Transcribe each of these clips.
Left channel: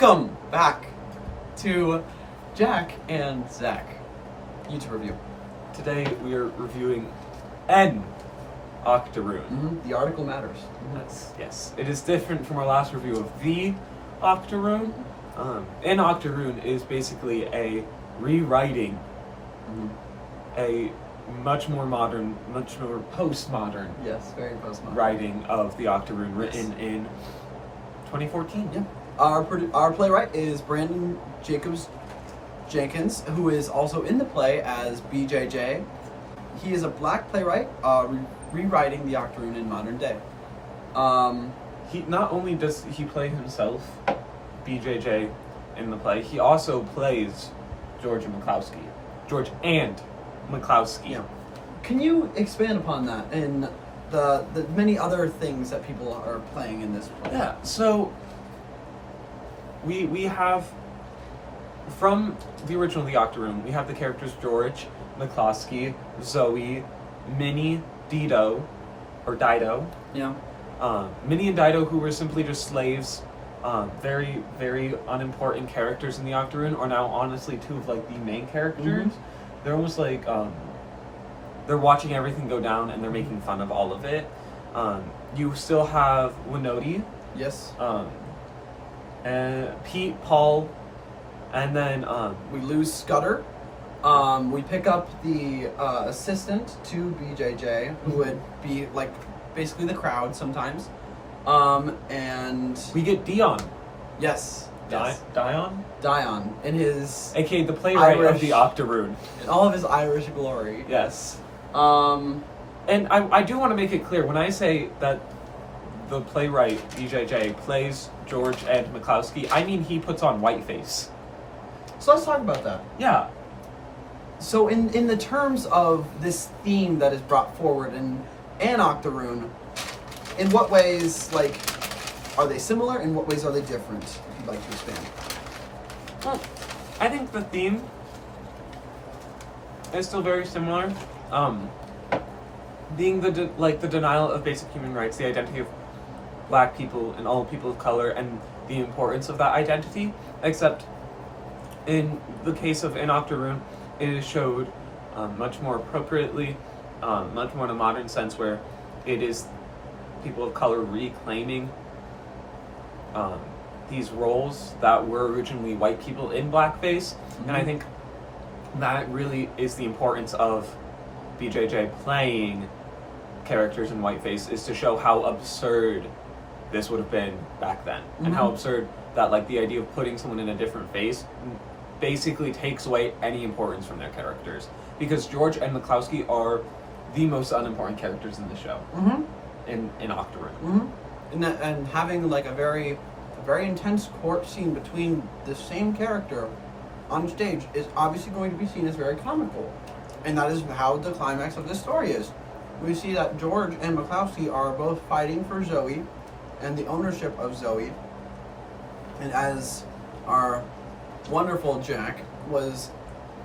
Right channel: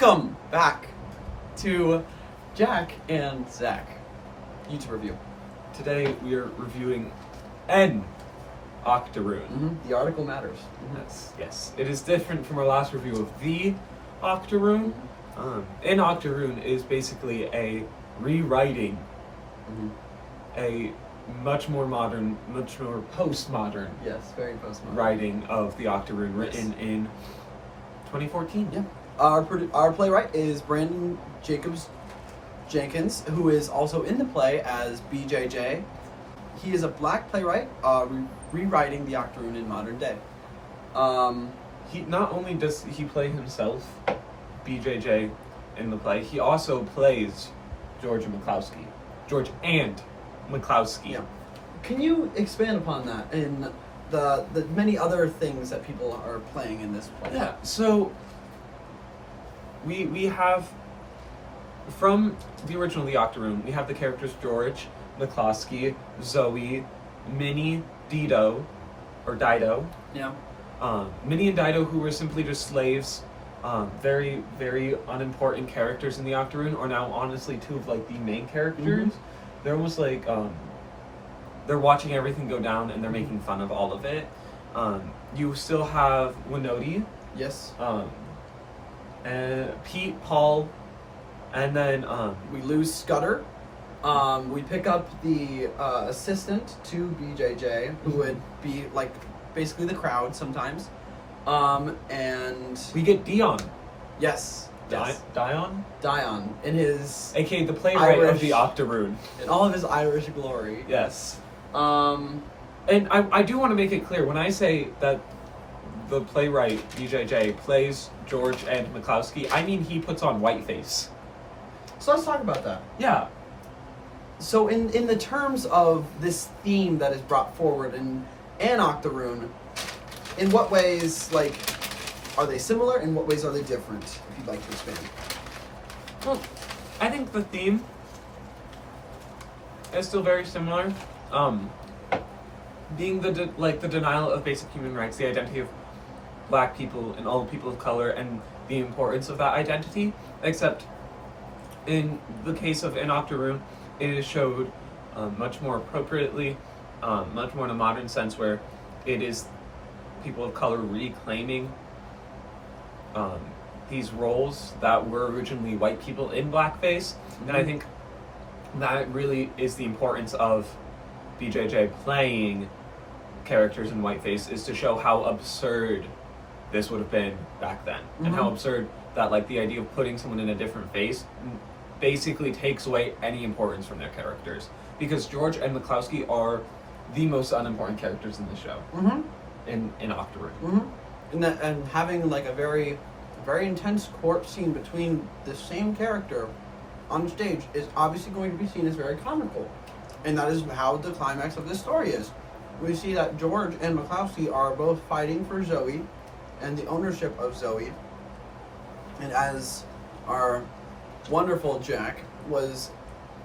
Welcome back to Jach and Zack YouTube review. Today we are reviewing N Octoroon. The article matters. Yes, it is different from our last review of the Octoroon. N Octoroon is basically a rewriting, a much more modern, much more postmodern. Yes, very postmodern writing of the Octoroon, written in 2014. Yeah. Our playwright is Brandon Jenkins, who is also in the play as BJJ. He is a black playwright, rewriting the Octoroon in modern day. He not only does he play himself, BJJ, in the play, he also plays George and McCloskey. Yeah. Can you expand upon that and the many other things that people are playing in this play? Yeah, so we have, from the original The Octoroon, we have the characters George, McCloskey, Zoe, Minnie, Dido. Yeah. Minnie and Dido, who were simply just slaves, very, very unimportant characters in The Octoroon, are now honestly two of like the main characters. They're almost like, they're watching everything go down and they're making fun of all of it. You still have Winoti. Yes. And Pete, Paul, and then we lose Scudder. We pick up the assistant to BJJ, who would be like basically the crowd sometimes. And we get Dion. Yes. Dion in his aka the playwright Irish, of the Octoroon, in all of his Irish glory. Yes. And I do want to make it clear, when I say that the playwright BJJ plays George and McCloskey, I mean he puts on whiteface. So let's talk about that. Yeah. So in the terms of this theme that is brought forward in An Octoroon, in what ways, like, are they similar? In what ways are they different? If you'd like to expand. Well, I think the theme is still very similar. Being the denial of basic human rights, the identity of black people and all people of color, and the importance of that identity. Except in the case of An Octoroon, it is showed much more appropriately, much more in a modern sense, where it is people of color reclaiming these roles that were originally white people in blackface. And I think that really is the importance of BJJ playing characters in whiteface, is to show how absurd this would have been back then, and how absurd that, like, the idea of putting someone in a different face basically takes away any importance from their characters, because George and McCloskey are the most unimportant characters in the show. In Octoroon. And having like a very intense court scene between the same character on stage is obviously going to be seen as very comical, and that is how the climax of this story is. We see that George and McCloskey are both fighting for Zoe and the ownership of Zoe, and as our wonderful Jack was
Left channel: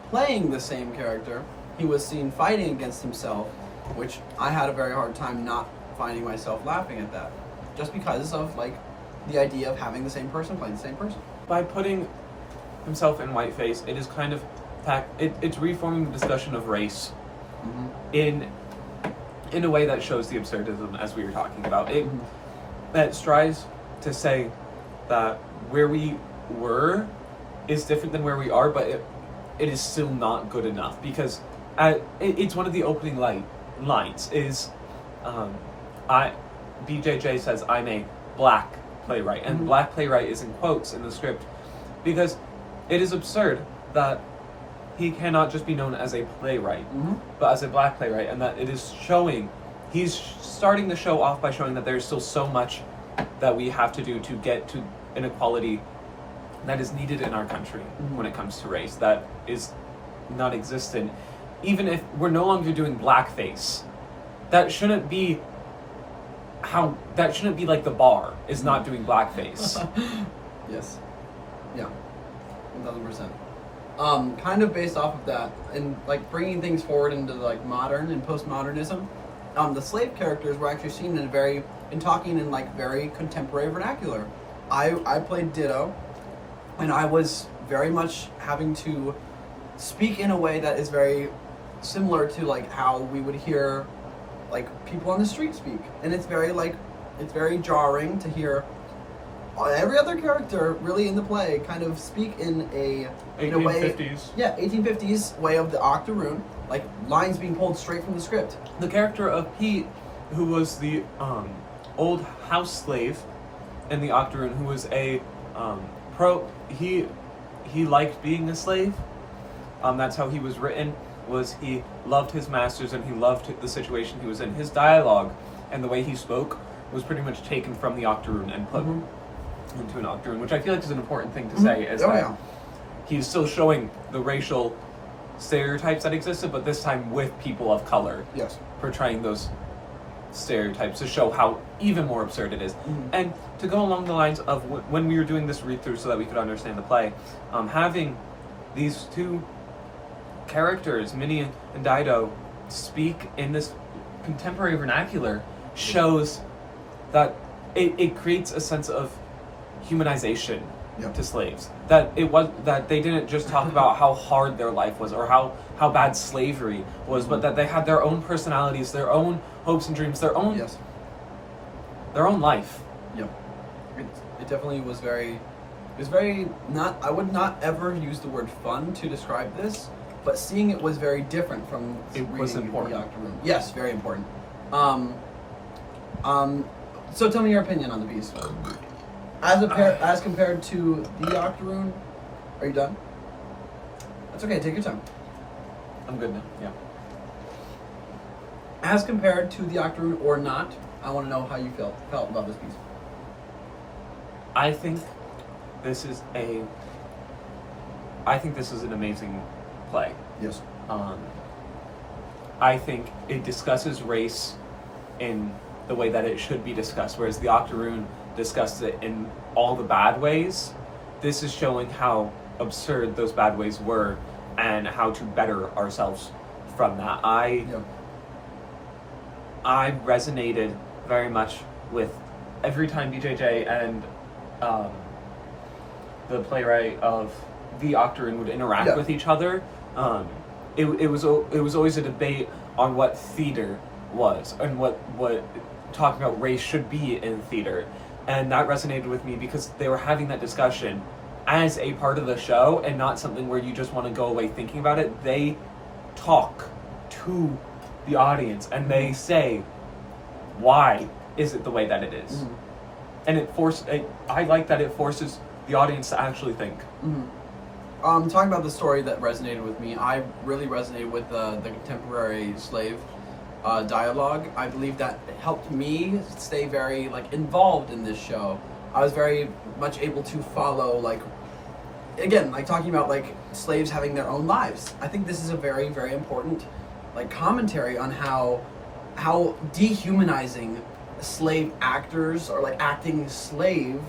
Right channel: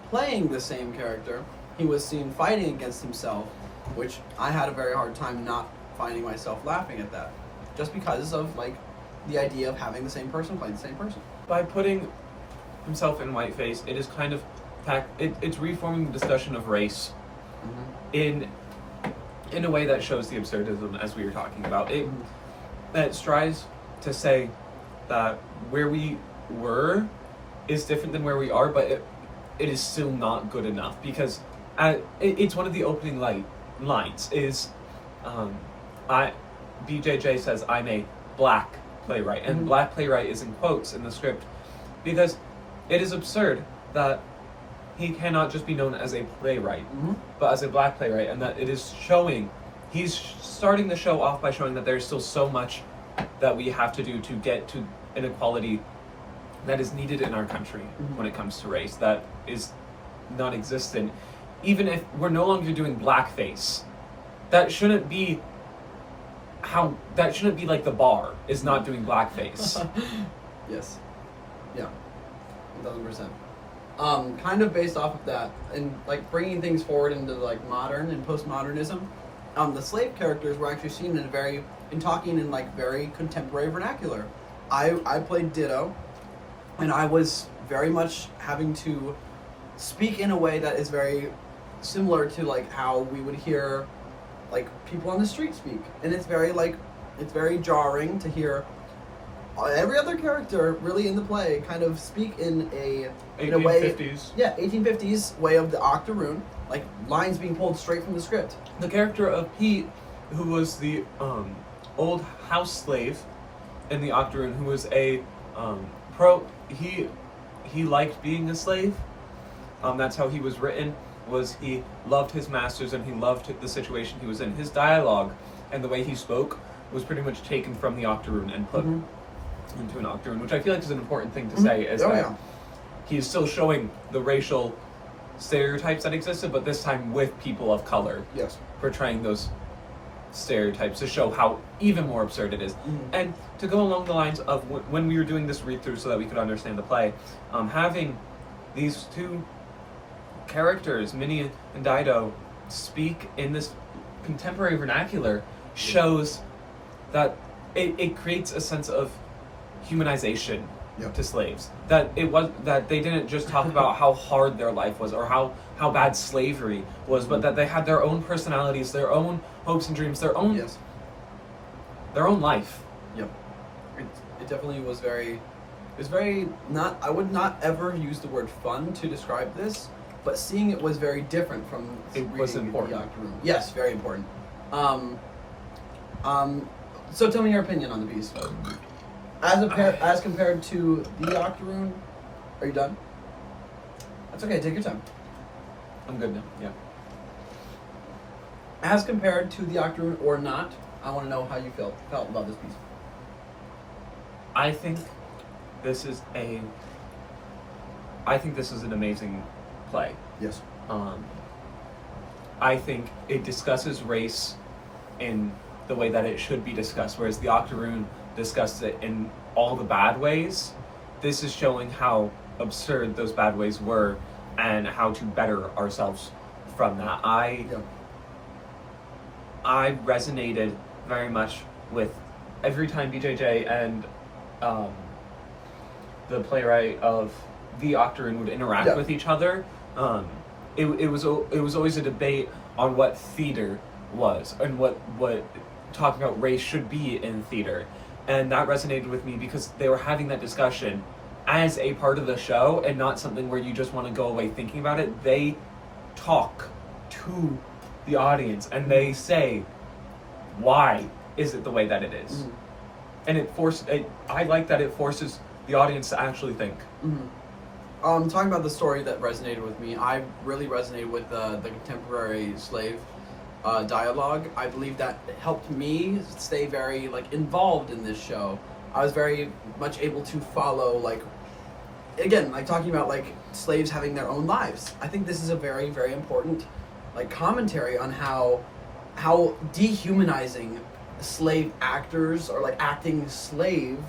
playing the same character, he was seen fighting against himself, which I had a very hard time not finding myself laughing at that, just because of like the idea of having the same person play the same person. By putting himself in whiteface, it is kind of it's reforming the discussion of race in a way that shows the absurdism, as we were talking about. That strives to say that where we were is different than where we are, but it is still not good enough, because it's one of the opening lines is BJJ says, "I'm a black playwright," and black playwright is in quotes in the script, because it is absurd that he cannot just be known as a playwright, but as a black playwright, and that it is showing, he's starting the show off by showing that there's still so much that we have to do to get to inequality that is needed in our country when it comes to race, that is non-existent. Even if we're no longer doing blackface, that shouldn't be like the bar is not doing blackface. Yes. Yeah. 1000%. Kind of based off of that, and like bringing things forward into like modern and postmodernism, the slave characters were actually seen in talking in like very contemporary vernacular. I played Ditto, and I was very much having to speak in a way that is very similar to like how we would hear like people on the street speak, and it's very jarring to hear every other character really in the play kind of speak in a way 1850s. Yeah, 1850s way of the Octoroon, like lines being pulled straight from the script. The character of Pete, who was the old house slave in the Octoroon, who was a he liked being a slave. That's how he was written. Was he loved his masters and he loved the situation he was in. His dialogue and the way he spoke was pretty much taken from the Octoroon and put into an Octoroon, which I feel like is an important thing to say. Is that he's still showing the racial stereotypes that existed, but this time with people of color. Yes. Portraying those stereotypes to show how even more absurd it is. And to go along the lines of when we were doing this read-through so that we could understand the play, having these two characters, Minnie and Dido, speak in this contemporary vernacular shows that it creates a sense of humanization to slaves. That they didn't just talk about how hard their life was or how bad slavery was, but that they had their own personalities, their own hopes and dreams, their own life. Yep. It definitely was very. It was very not. I would not ever use the word fun to describe this, but seeing it was very different from reading the Octoroon. Yes, very important. So tell me your opinion on the piece. As compared to the Octoroon, are you done? That's okay. Take your time. I'm good now. Yeah. As compared to the Octoroon or not, I want to know how you felt about this piece. I think this is an amazing play. Yes. I think it discusses race in the way that it should be discussed, whereas the Octoroon discusses it in all the bad ways. This is showing how absurd those bad ways were and how to better ourselves from that. I resonated very much with every time BJJ and the playwright of the Octoroon would interact with each other. It was always a debate on what theater was and what talking about race should be in theater, and that resonated with me because they were having that discussion as a part of the show and not something where you just want to go away thinking about it. They talk to the audience and they say, why is it the way that it is? And I like that it forces the audience to actually think. Talking about the story that resonated with me, I really resonated with the contemporary slave dialogue. I believe that helped me stay very involved in this show. I was very much able to follow talking about slaves having their own lives. I think this is a very, very important commentary on how dehumanizing slave actors or acting slave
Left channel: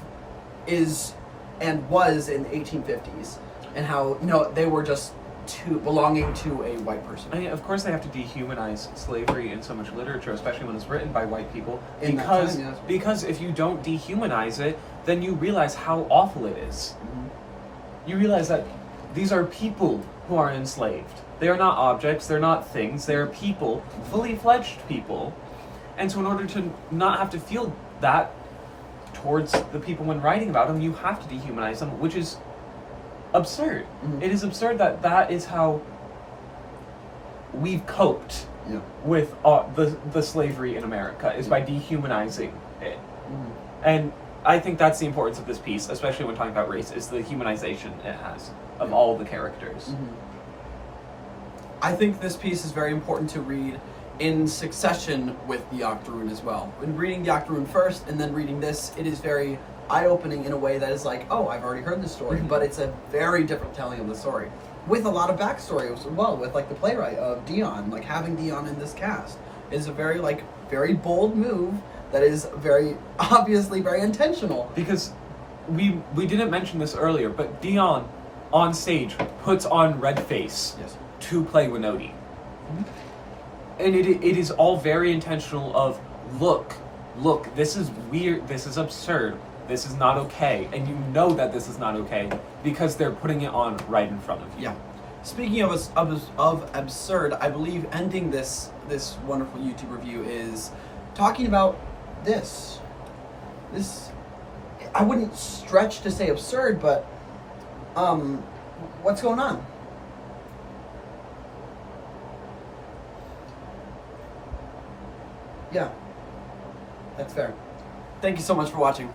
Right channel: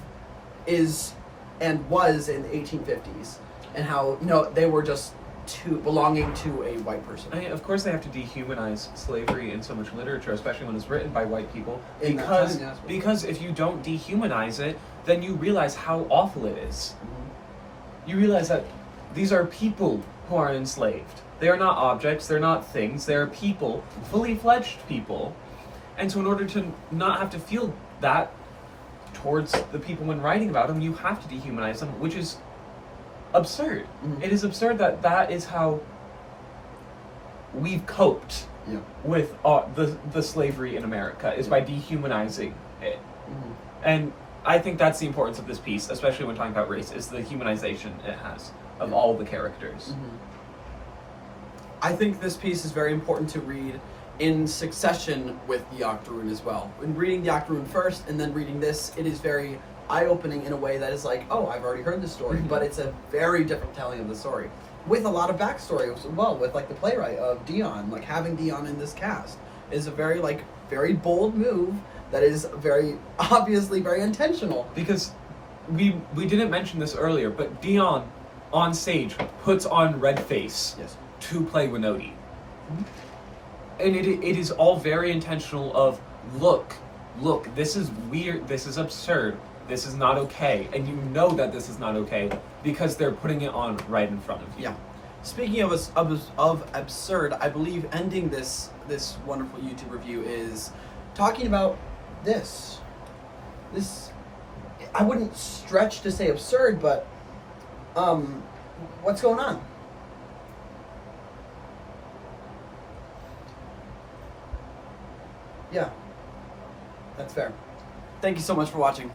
is and was in the 1850s, and how they were just belonging to a white person. I mean, of course they have to dehumanize slavery in so much literature, especially when it's written by white people, because if you don't dehumanize it, then you realize how awful it is. You realize that these are people who are enslaved. They are not objects, they're not things, they're people, fully fledged people. And so in order to not have to feel that towards the people when writing about them, you have to dehumanize them, which is absurd. It is absurd that is how we've coped with the slavery in America, is by dehumanizing it. And I think that's the importance of this piece, especially when talking about race, is the humanization it has of all the characters. I think this piece is very important to read in succession with the Octoroon as well. When reading the Octoroon first and then reading this, it is very eye-opening in a way that is oh, I've already heard this story, but it's a very different telling of the story, with a lot of backstory as well, with the playwright of Dion. Having Dion in this cast is a very very bold move that is very obviously very intentional. Because we didn't mention this earlier, but Dion on stage puts on red face to play Winoti. And it is all very intentional of, look, this is weird, this is absurd. this is not okay, and you know that this is not okay because they're putting it on right in front of you. Yeah. Speaking of absurd, I believe ending this wonderful YouTube review is talking about this. This, I wouldn't stretch to say absurd, but what's going on? Yeah, that's fair. Thank you so much for watching.